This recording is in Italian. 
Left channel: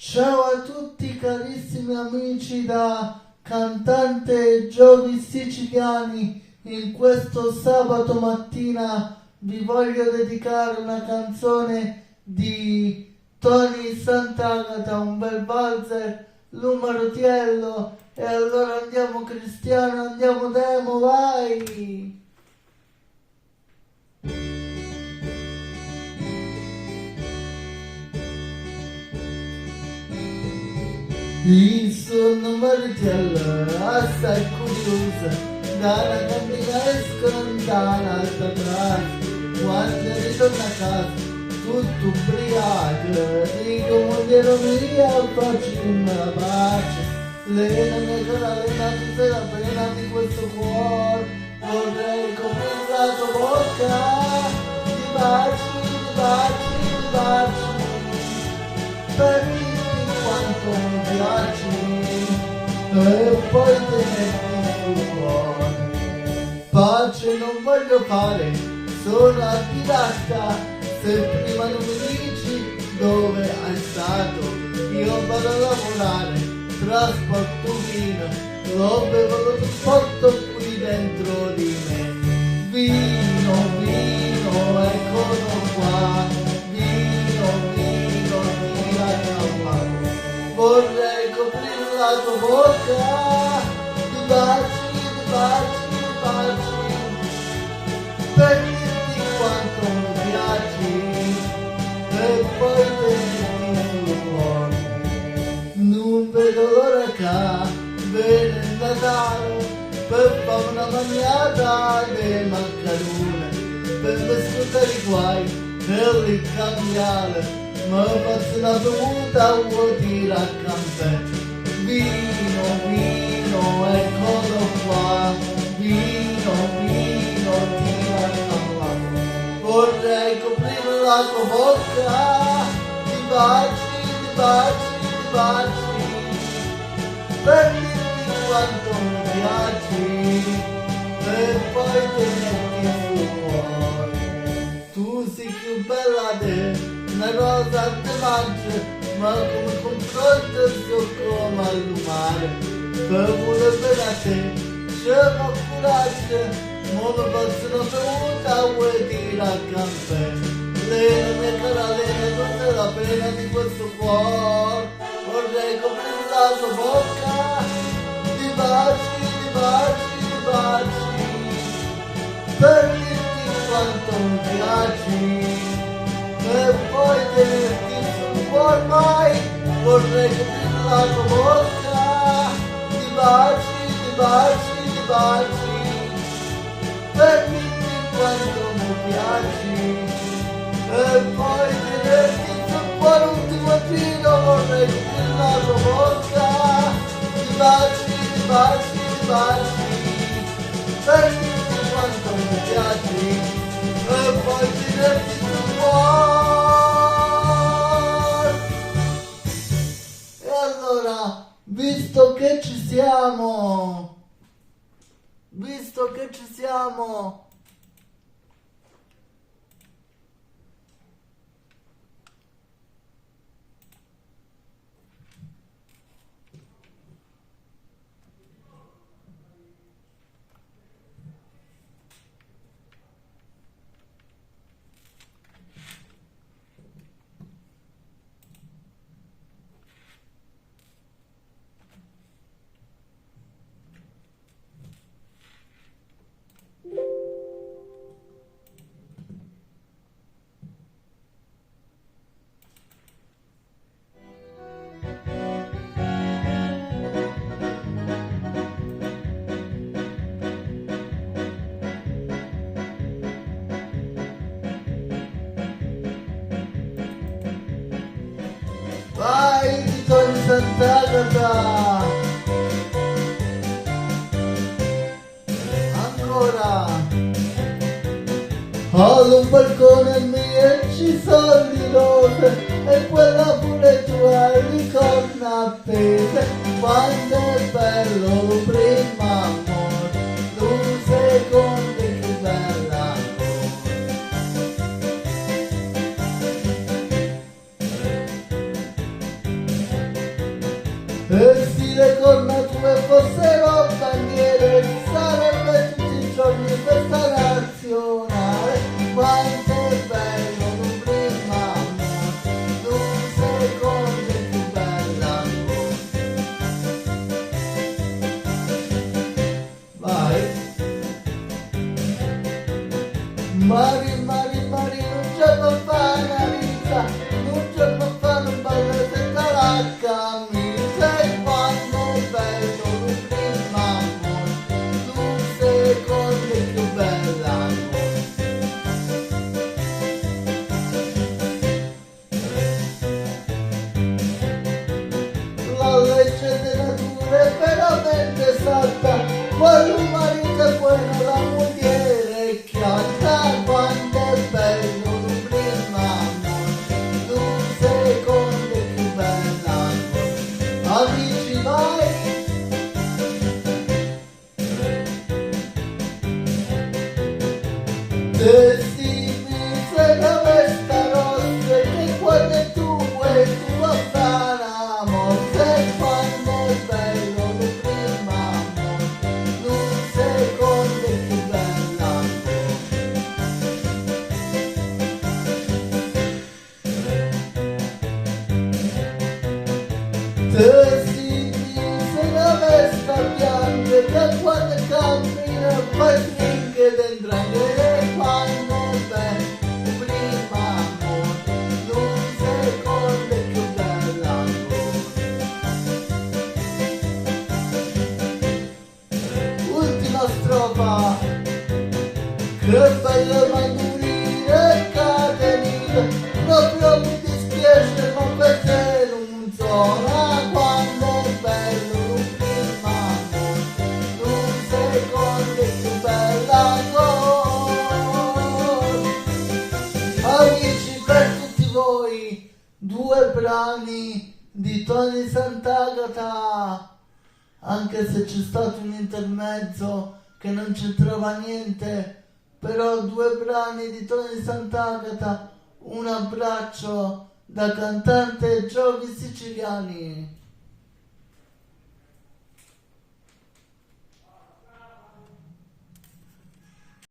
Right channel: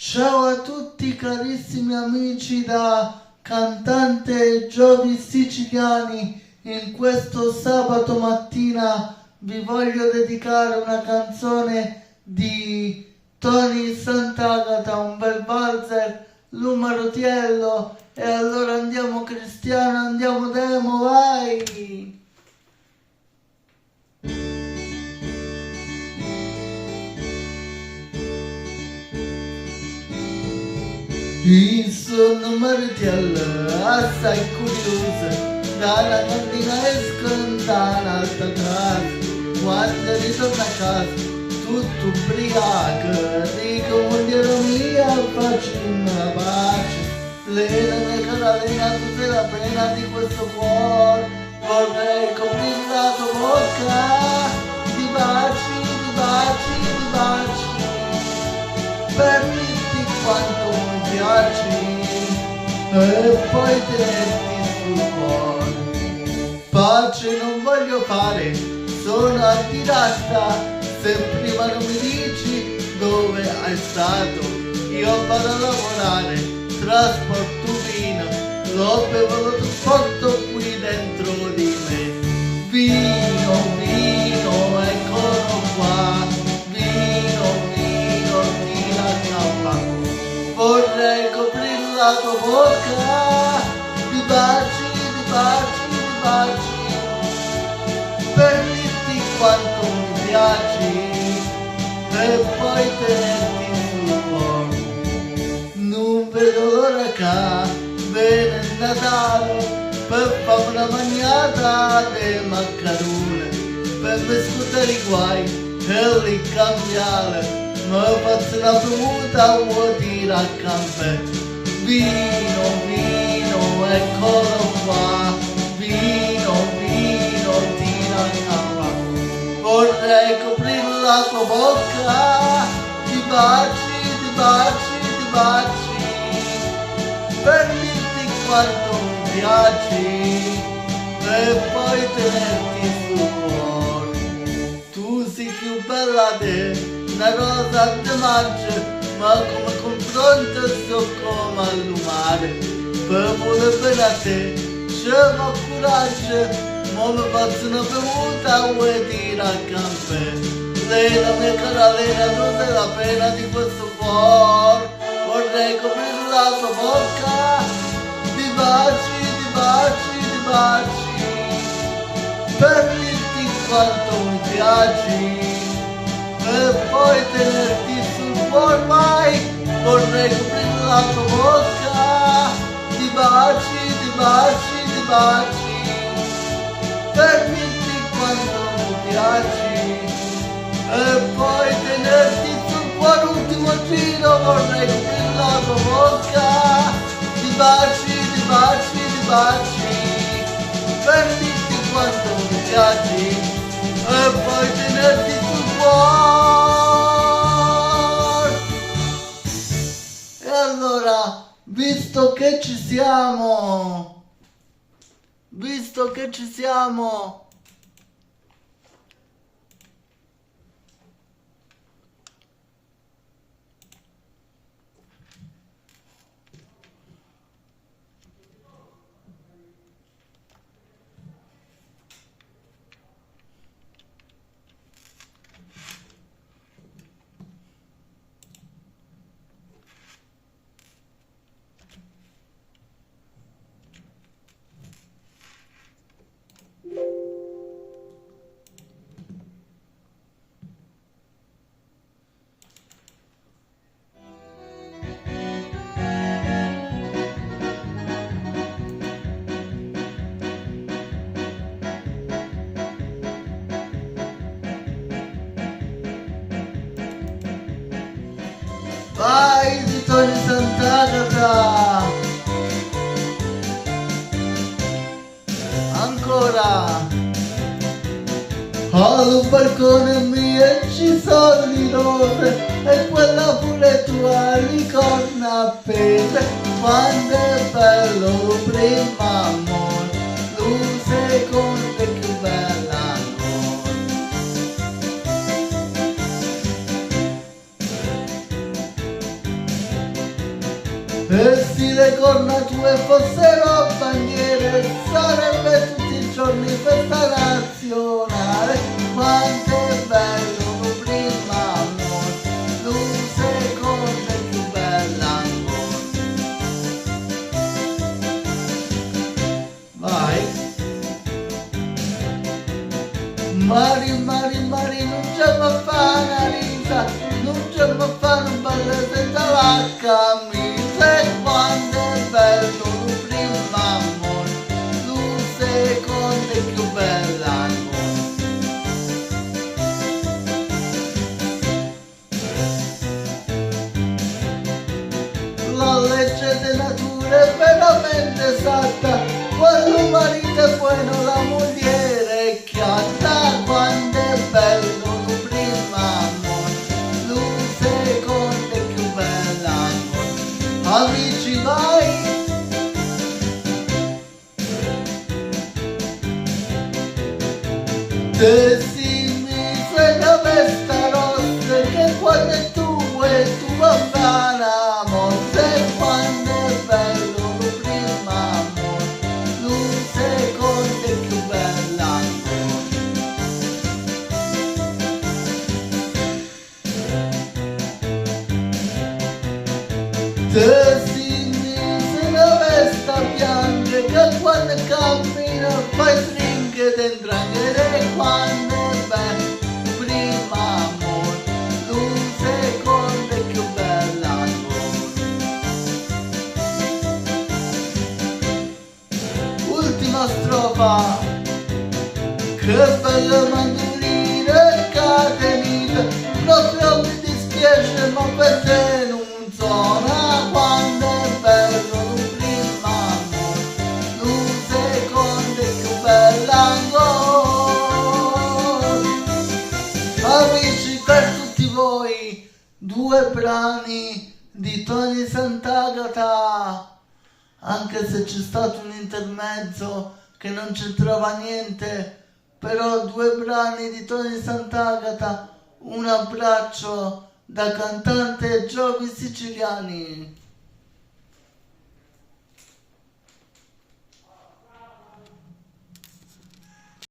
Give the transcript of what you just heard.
Ciao a tutti carissimi amici da Cantante Giovi Siciliani, in questo sabato mattina vi voglio dedicare una canzone di Tony Sant'Agata, un bel valzer, Lumarotiello, e allora andiamo Cristiano, andiamo Demo, vai! Il suo Lumarotiello assai curioso, dalla mattina escono dall'alta classe, quando ritorna a casa tutto ubriaco, dico mogliere mia facciamo la pace, lei non è cara, lei tu sei la pena di questo cuore, vorrei coprire la tua bocca di baci, di baci, di baci, per dirti quanto mi piaci e poi tenerti sul cuore. Pace non voglio fare, sono antiratta, se prima non mi dici dove hai stato, io vado a lavorare, trasporto vino, lo bevo tutto qui dentro di me. Vino, vino, eccolo qua, vino, vino, tira cappa. Vorrei coprire la tua bocca di baci, di baci, di baci, per dirti quanto mi piaci e poi tenerti sul cuore. Non vedo l'ora che viene il Natale per fare una magnata alle maccarone, per me scudare i guai e li cambiare, ma faccio una bevuta vuol dire a campè. Vino, vino, eccolo qua, vino, vino, tira a cappa. Vorrei coprire la tua bocca di baci, di baci, di baci, per dirti quanto mi piaci e poi tenerti sul cuore. Tu sei più bella di una rosa di maggio, ma come confronto sto come allumare, per voler bene a te c'è ma coraggio, ma mi faccio una bevuta vuoi dire a campè. Lei la mia cara, lei non è la pena di questo cuore, vorrei coprire la tua bocca di baci, di baci, di baci, per dirti quanto mi piaci e poi tenerti sul cuore. Mai vorrei coprire la tua bocca di baci, di baci, di baci, per dirti quanto mi piaci e poi tenerti sul cuore. Ultimo giro, vorrei coprire la tua bocca di baci, di baci, di baci, per dirti quanto mi piaci e poi tenerti sul cuore. E allora, visto che ci siamo, vai di Tony Sant'Agata, ancora. Ho un balcone mio e ci sono le rose e quella pure tua li corna appese, quando è bello prima amore, un secondo è più bella ancora. E se le corna tue fossero bandiere, sarebbe tutti i giorni festa nazionale. Quanto è bello un primo amore, un secondo è più bella ancora. Vai. Mari, mari, mari, non c'è ma fa una risa, non c'è ma fa un ballo senza la camicia. E quando è bello un primo amore, un secondo è più bella ancora. La legge della natura è veramente esatta, quando un marito è buono la moglie è chiara. Quando è bello un primo amore, un secondo è più bella ancora. Amici vai! E si mi fai la vesta rossa, che quando è tuo e tu va a fare amore. E quando è bello un primo amore, un secondo è più bella ancora. Se si mise la vesta bianca, che quando cammina fai stringhe dentro anche. E quando è bello primo amore, un secondo è più bella ancora. Ultima strofa. Che bello mandolino catenina, proprio mi dispiace ma per te non suona. Quando è bello un primo amore, un secondo è più bella ancora. Amici, per tutti voi, due brani di Tony Sant'Agata, anche se c'è stato un intermezzo che non c'entrava niente, però due brani di Tony Sant'Agata. Un abbraccio da cantante Giovi Siciliani.